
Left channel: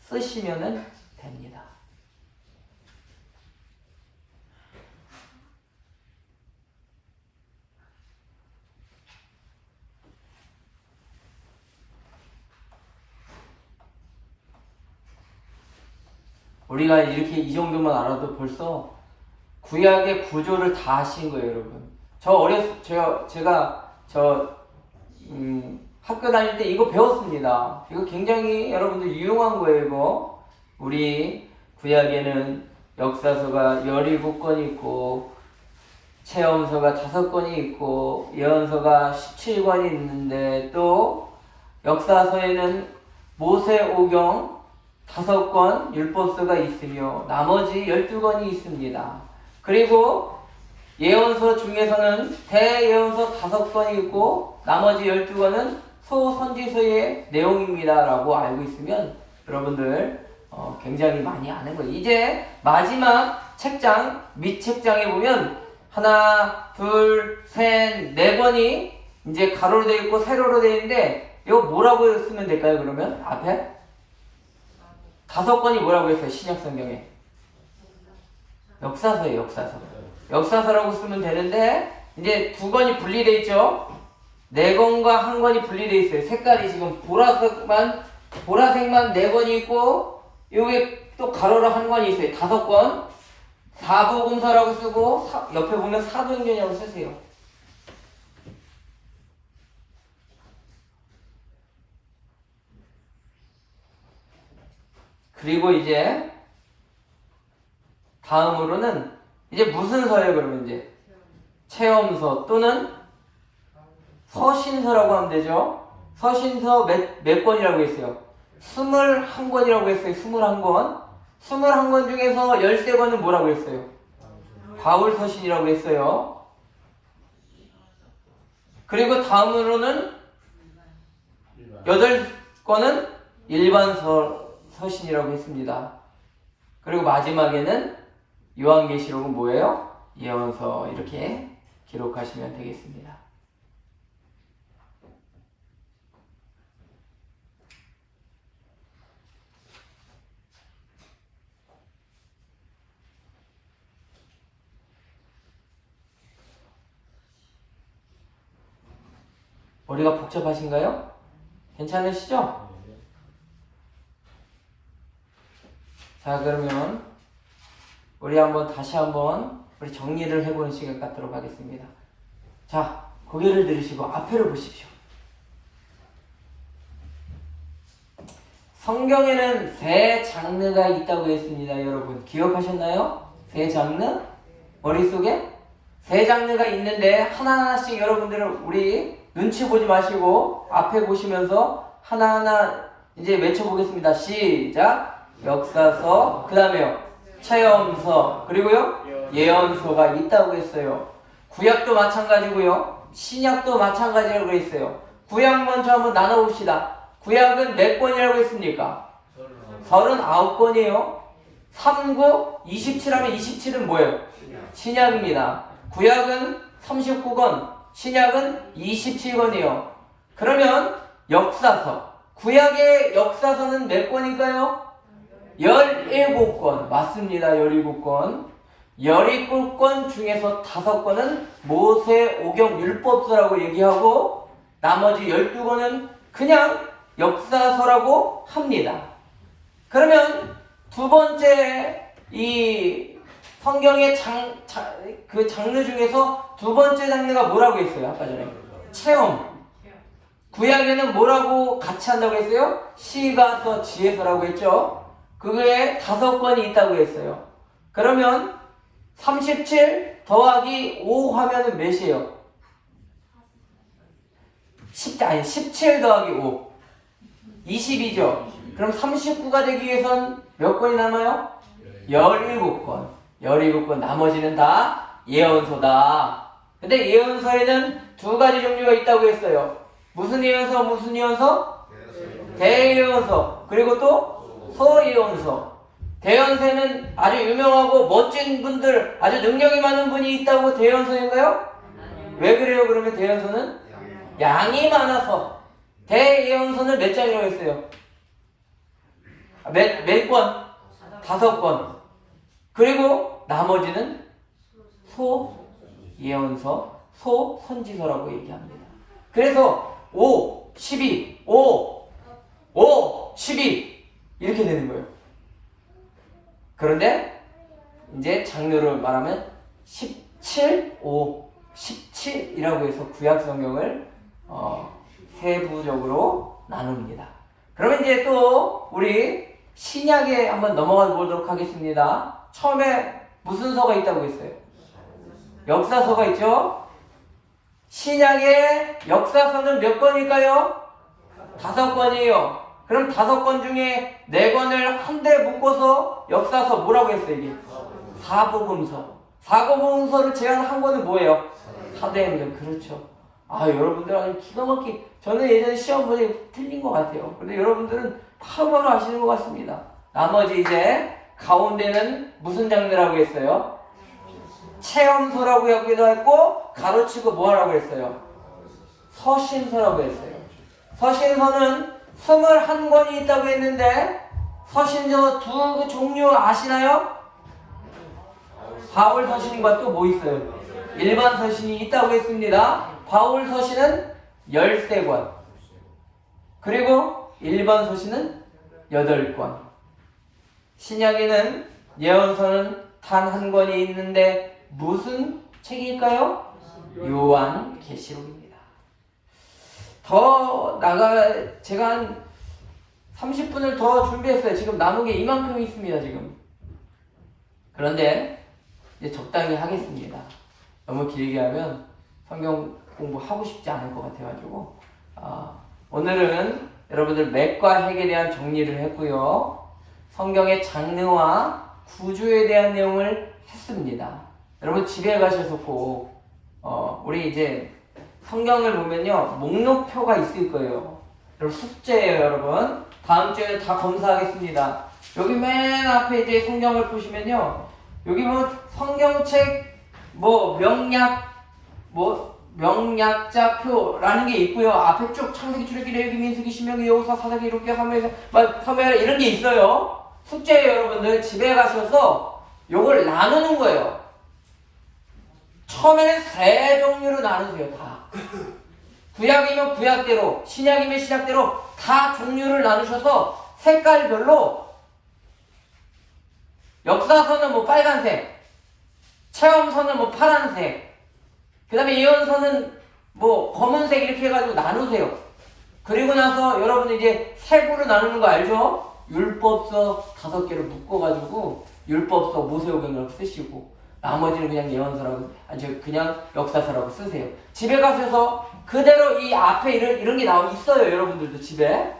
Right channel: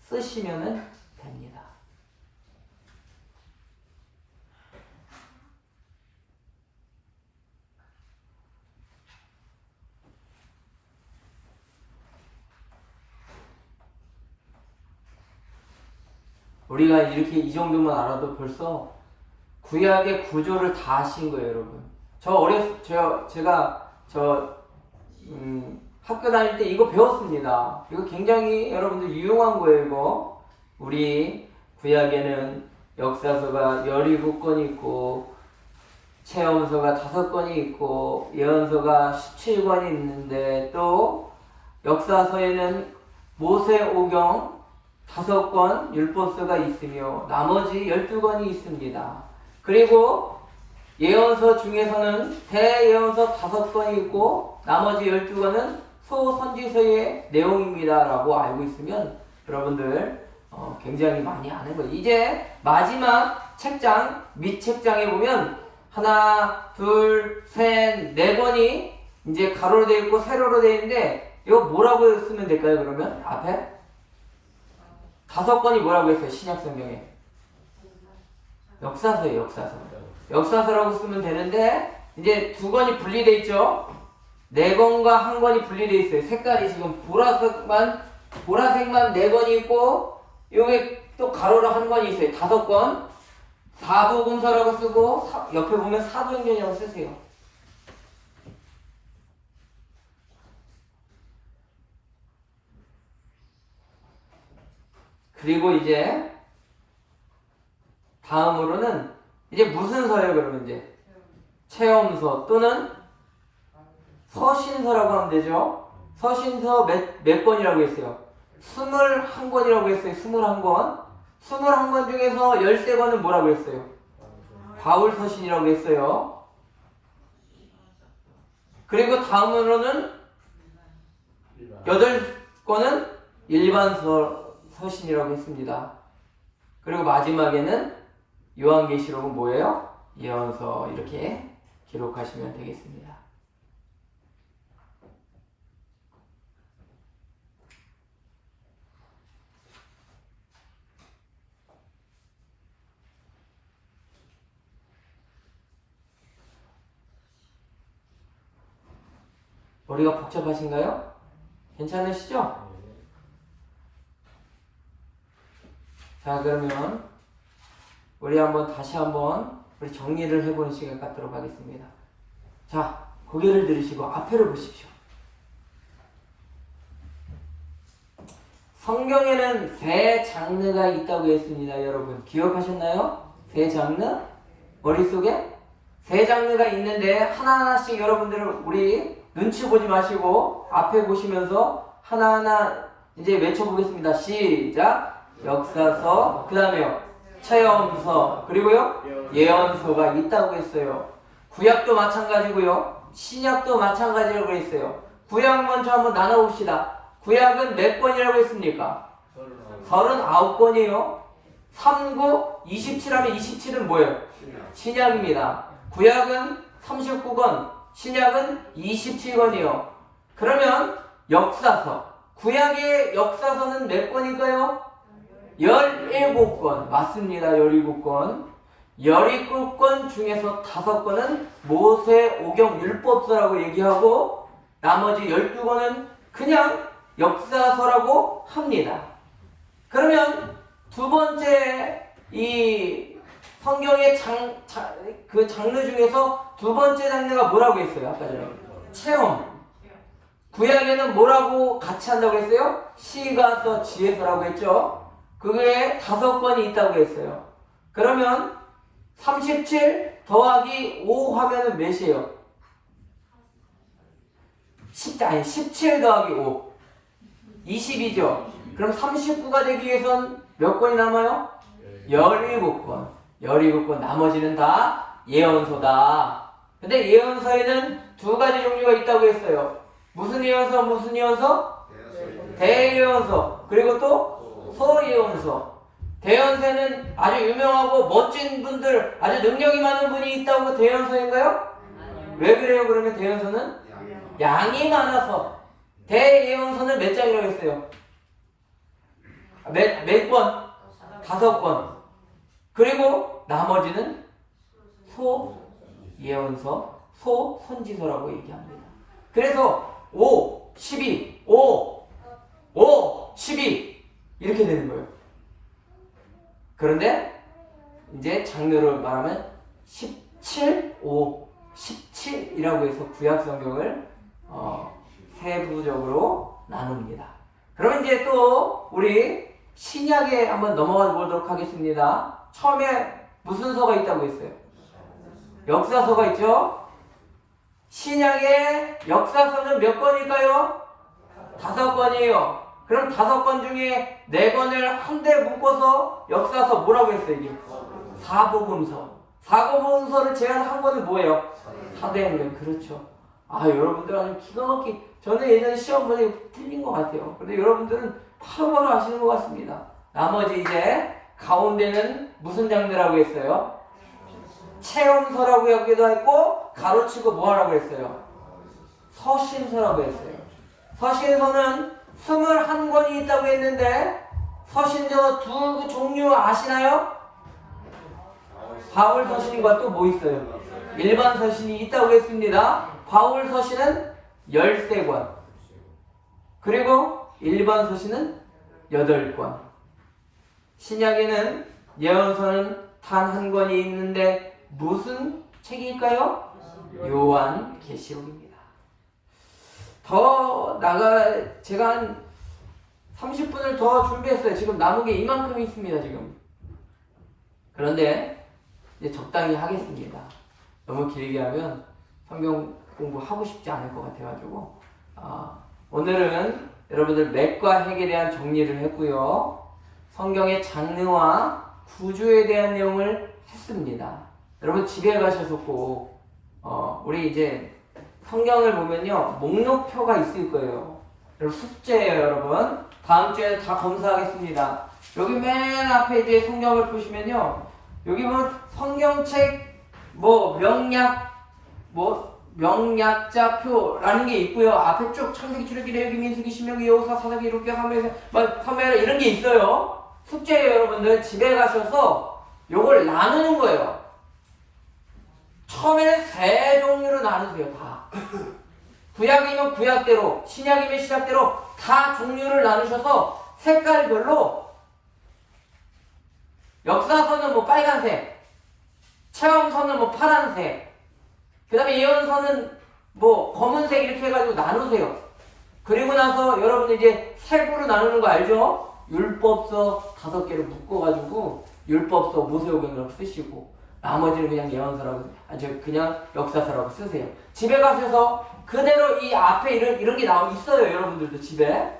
쓰시면 됩니다. 우리가 이렇게 이 정도만 알아도 벌써 구약의 구조를 다 하신 거예요, 여러분. 제가 학교 다닐 때 이거 배웠습니다. 이거 굉장히 여러분들 유용한 거예요, 이거. 우리 구약에는 역사서가 17권이 있고, 체험서가 5권이 있고, 예언서가 17권이 있는데, 또 역사서에는 모세오경 5권, 율법서가 있으며, 나머지 12권이 있습니다. 그리고 예언서 중에서는 대예언서 5권이 있고 나머지 12권은 소선지서의 내용입니다 라고 알고 있으면 여러분들 굉장히 많이 아는 거예요. 이제 마지막 책장, 밑책장에 보면 하나, 둘, 셋, 4권이 이제 가로로 되어 있고 세로로 되어 있는데 이거 뭐라고 쓰면 될까요, 그러면? 앞에? 5권이 뭐라고 했어요, 신약성경에? 역사서예요, 역사서. 역사서라고 쓰면 되는데 이제 2권이 분리되어 있죠. 4권과 1권이 분리되어 있어요. 색깔이 지금 보라색만 4권이 있고 여기 또 가로로 1권이 있어요. 5권. 사복음서라고 쓰고 옆에 보면 사도행전이라고 쓰세요. 그리고 이제 다음으로는 이제 무슨 서예요, 그러면 이제? 체험서 또는 서신서라고 하면 되죠. 서신서 몇 권이라고 했어요? 21권이라고 했어요. 21권. 21권 중에서 13권은 뭐라고 했어요? 바울 서신이라고 했어요. 그리고 다음으로는 8권은 일반 서신이라고 했습니다. 그리고 마지막에는 요한계시록은 뭐예요? 예언서. 이렇게 기록하시면 되겠습니다. 머리가 복잡하신가요? 괜찮으시죠? 자, 그러면 우리 다시 한번 우리 정리를 해보는 시간 갖도록 하겠습니다. 자, 고개를 들으시고 앞에를 보십시오. 성경에는 세 장르가 있다고 했습니다. 여러분 기억하셨나요? 세 장르? 머릿속에? 세 장르가 있는데 하나하나씩 여러분들은 우리 눈치 보지 마시고 앞에 보시면서 하나하나 이제 외쳐보겠습니다. 시작! 역사서, 그 다음에요 체험서, 그리고요 예언서가 있다고 했어요. 구약도 마찬가지고요 신약도 마찬가지라고 했어요. 구약 먼저 한번 나눠봅시다. 구약은 몇 권이라고 했습니까? 39권이에요. 39, 27하면 27은 뭐예요? 신약입니다. 구약은 39권, 신약은 27권이에요. 그러면 역사서, 구약의 역사서는 몇 권일까요? 17권. 맞습니다. 17권. 17권 중에서 5권은 모세오경 율법서라고 얘기하고 나머지 12권은 그냥 역사서라고 합니다. 그러면 두 번째 이 성경의 그 장르 중에서 두 번째 장르가 뭐라고 했어요? 아까 전에 체험. 구약에는 뭐라고 같이 한다고 했어요? 시가서, 지혜서라고 했죠. 그게 5권이 있다고 했어요. 그러면 37 더하기 5 하면은 몇이에요? 17 더하기 5 20이죠. 그럼 39가 되기 위해선 몇 권이 남아요? 17권. 17권. 나머지는 다 예언서다. 근데 예언서에는 두 가지 종류가 있다고 했어요. 무슨 예언서, 무슨 예언서? 대예언서. 그리고 또 소예언서. 대언서에는 아주 유명하고 멋진 분들, 아주 능력이 많은 분이 있다고 대언서인가요? 왜 그래요? 그러면 대언서는? 양이 많아서. 대예언서는 몇 장이라고 했어요? 몇 권? 5권. 그리고 나머지는 소예언서, 소선지서라고 얘기합니다. 그래서 5, 12, 5, 12 이렇게 되는 거예요. 그런데 이제 장르를 말하면 17, 5, 17이라고 해서 구약 성경을 세부적으로 나눕니다. 그러면 이제 또 우리 신약에 한번 넘어가 보도록 하겠습니다. 처음에 무슨 서가 있다고 했어요? 역사서가 있죠? 신약의 역사서는 몇 권일까요? 5권이에요. 그럼 5권 중에 4권을 한데 묶어서 역사서 뭐라고 했어요? 이게? 사복음서. 사복음서를 제안한 거는 뭐예요? 사도행전. 그렇죠. 여러분들 아주 기가 막히게, 저는 예전에 시험 문제 틀린 것 같아요. 근데 여러분들은 바로바로 아시는 것 같습니다. 나머지 이제 가운데는 무슨 장르라고 했어요? 체험서라고 하기도 했고, 가로치고 뭐 하라고 했어요? 서신서라고 했어요. 서신서는 21권이 있다고 했는데, 서신서 두 종류 아시나요? 바울 서신과 또 뭐 있어요? 일반 서신이 있다고 했습니다. 바울 서신은 13권. 그리고 일반 서신은 8권. 신약에는 예언서는 단 한 권이 있는데 무슨 책일까요? 요한계시록입니다. 제가 한 30분을 더 준비했어요. 지금 남은 게 이만큼 있습니다. 지금. 그런데 이제 적당히 하겠습니다. 너무 길게 하면 성경 공부하고 싶지 않을 것 같아가지고 오늘은 여러분들 맥과 핵에 대한 정리를 했고요. 성경의 장르와 구조에 대한 내용을 했습니다. 여러분 집에 가셔서 꼭 우리 이제 성경을 보면요 목록표가 있을 거예요. 여러분 숙제예요. 여러분 다음 주에 다 검사하겠습니다. 여기 맨 앞에 이제 성경을 보시면요 여기 뭐 성경책 명약자표라는 게 있고요. 앞에 쭉 창세기, 출애굽기, 레위기, 민수기, 신명기, 여호수아, 사사기, 룻기, 사무엘 이런 게 있어요. 숙제예요. 여러분들 집에 가셔서 요걸 나누는 거예요. 처음에는 세 종류로 나누세요. 다 구약이면 구약대로, 신약이면 신약대로 다 종류를 나누셔서 색깔별로 역사서는 뭐 빨간색, 체험서는 뭐 파란색, 그 다음에 예언서는 뭐 검은색 이렇게 해가지고 나누세요. 그리고 나서 여러분들 이제 색으로 나누는 거 알죠? 율법서 5개를 묶어가지고 율법서 모세오경이라고 쓰시고 나머지는 그냥 예언서라고 그냥 역사서라고 쓰세요. 집에 가셔서 그대로 이 앞에 이런 게 있어요. 여러분들도 집에.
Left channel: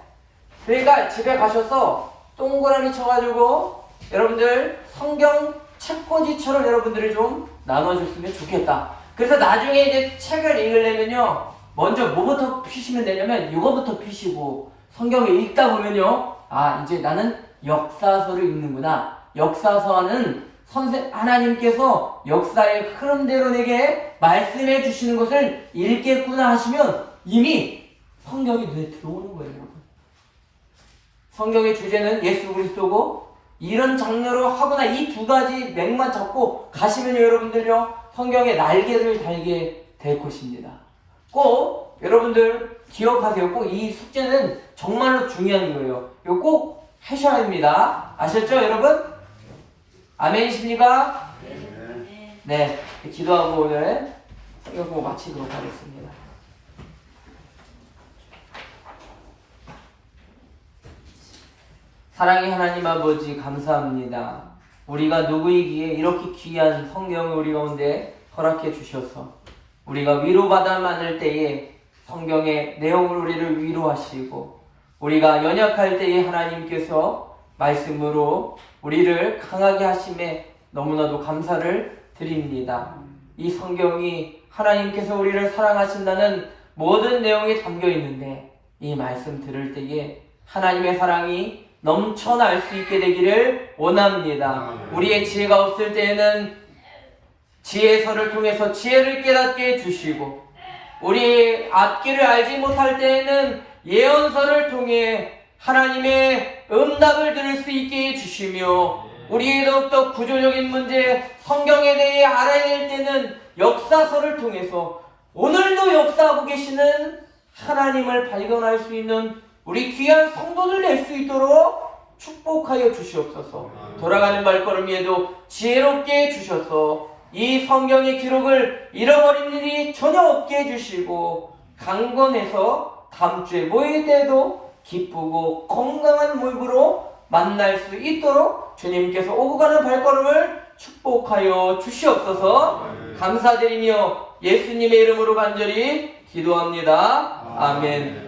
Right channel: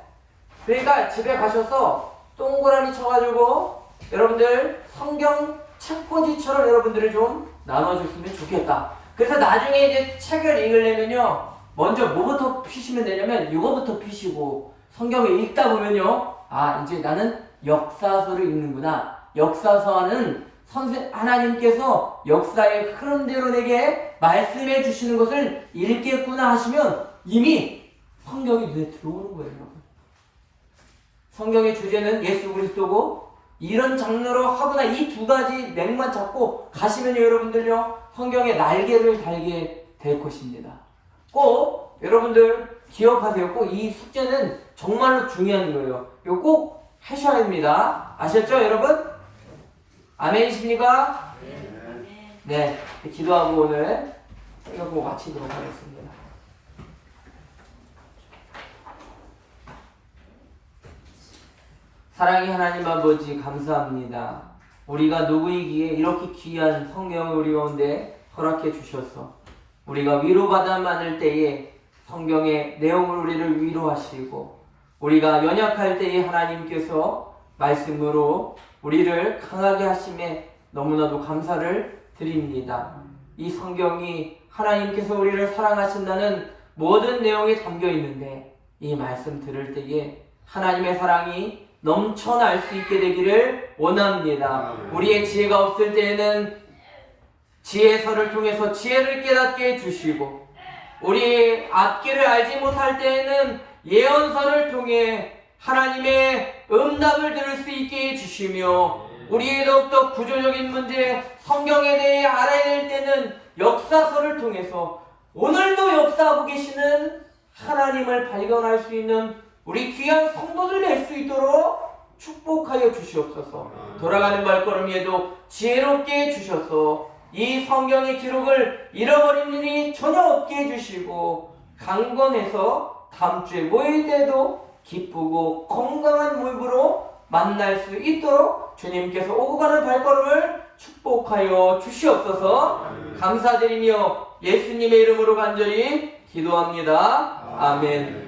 그러니까 집에 가셔서 동그라미 쳐가지고 여러분들 성경 책꽂이처럼 여러분들이 좀 나눠줬으면 좋겠다. 그래서 나중에 이제 책을 읽으려면요, 먼저 뭐부터 피시면 되냐면 이거부터 피시고 성경을 읽다 보면요, 아 이제 나는 역사서를 읽는구나. 역사서는 하나님께서 역사의 흐름대로 내게 말씀해 주시는 것을 읽겠구나 하시면 이미 성경이 눈에 들어오는 거예요, 여러분. 성경의 주제는 예수 그리스도고 이런 장르로 하거나 이 2가지 맥만 잡고 가시면 여러분들요, 성경의 날개를 달게 될 것입니다. 꼭 여러분들 기억하세요. 꼭 이 숙제는 정말로 중요한 거예요. 이거 꼭 하셔야 됩니다. 아셨죠, 여러분? 아멘이십니까? 네, 기도하고 오늘 이거 보고 마치도록 하겠습니다. 사랑의 하나님 아버지 감사합니다. 우리가 누구이기에 이렇게 귀한 성경을 우리 가운데 허락해 주셔서 우리가 위로받아 하는 때에 성경의 내용을 우리를 위로하시고 우리가 연약할 때에 하나님께서 말씀으로 우리를 강하게 하심에 너무나도 감사를 드립니다. 이 성경이 하나님께서 우리를 사랑하신다는 모든 내용이 담겨 있는데 이 말씀 들을 때에 하나님의 사랑이 넘쳐날 수 있게 되기를 원합니다. 우리의 지혜가 없을 때에는 지혜서를 통해서 지혜를 깨닫게 해주시고 우리 앞길을 알지 못할 때에는 예언서를 통해 하나님의 응답을 들을 수 있게 해주시며 우리 더욱더 구조적인 문제 성경에 대해 알아야 될 때는 역사서를 통해서 오늘도 역사하고 계시는 하나님을 발견할 수 있는 우리 귀한 성도들 될 수 있도록 축복하여 주시옵소서. 돌아가는 발걸음에도 지혜롭게 해주셔서 이 성경의 기록을 잃어버린 일이 전혀 없게 해주시고 강건해서 다음 주에 모일 때도 기쁘고 건강한 모습으로 만날 수 있도록 주님께서 오고 가는 발걸음을 축복하여 주시옵소서. 감사드리며 예수님의 이름으로 간절히 기도합니다. 아멘.